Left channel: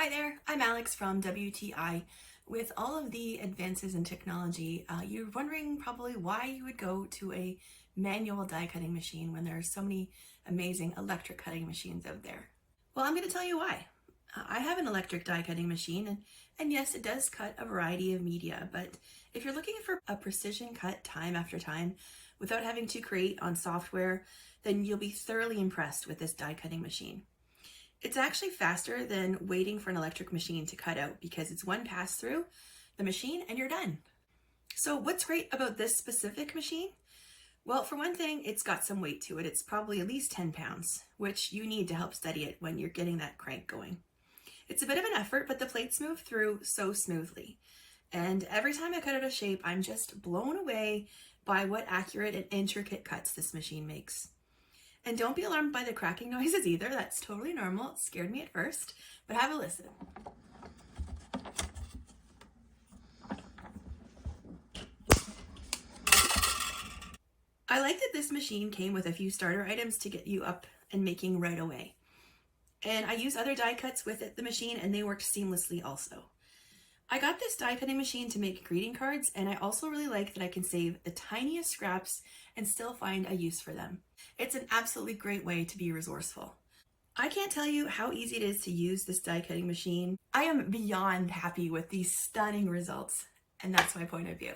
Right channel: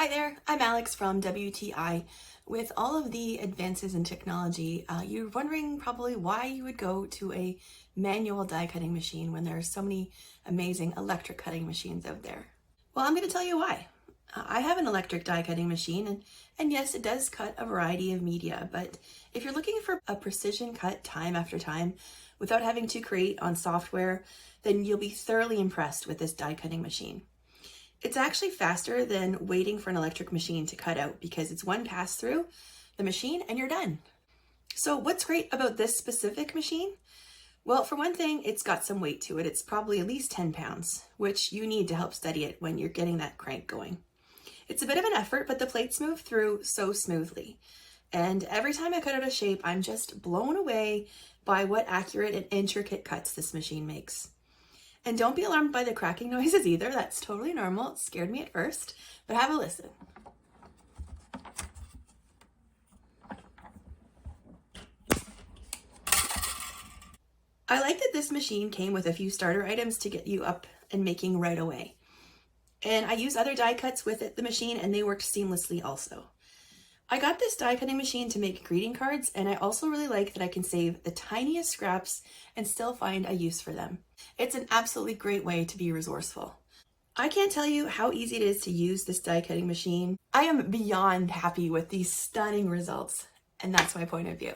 Hi there, I'm Alex from WTI. With all of the advances in technology, you're wondering probably why you would go to a manual die cutting machine when there are so many amazing electric cutting machines out there. Well, I'm going to tell you why. I have an electric die cutting machine, and yes, it does cut a variety of media, but if you're looking for a precision cut time after time without having to create on software, then you'll be thoroughly impressed with this die cutting machine. It's actually faster than waiting for an electric machine to cut out because it's one pass through the machine and you're done. So what's great about this specific machine? Well, for one thing, it's got some weight to it. It's probably at least 10 pounds, which you need to help steady it when you're getting that crank going. It's a bit of an effort, but the plates move through so smoothly. And every time I cut out a shape, I'm just blown away by what accurate and intricate cuts this machine makes. And don't be alarmed by the cracking noises either. That's totally normal. It scared me at first, but have a listen. I like that this machine came with a few starter items to get you up and making right away. And I use other die cuts with the machine and they worked seamlessly also. I got this die cutting machine to make greeting cards, and I also really like that I can save the tiniest scraps and still find a use for them. It's an absolutely great way to be resourceful. I can't tell you how easy it is to use this die cutting machine. I am beyond happy with these stunning results, and that's my point of view.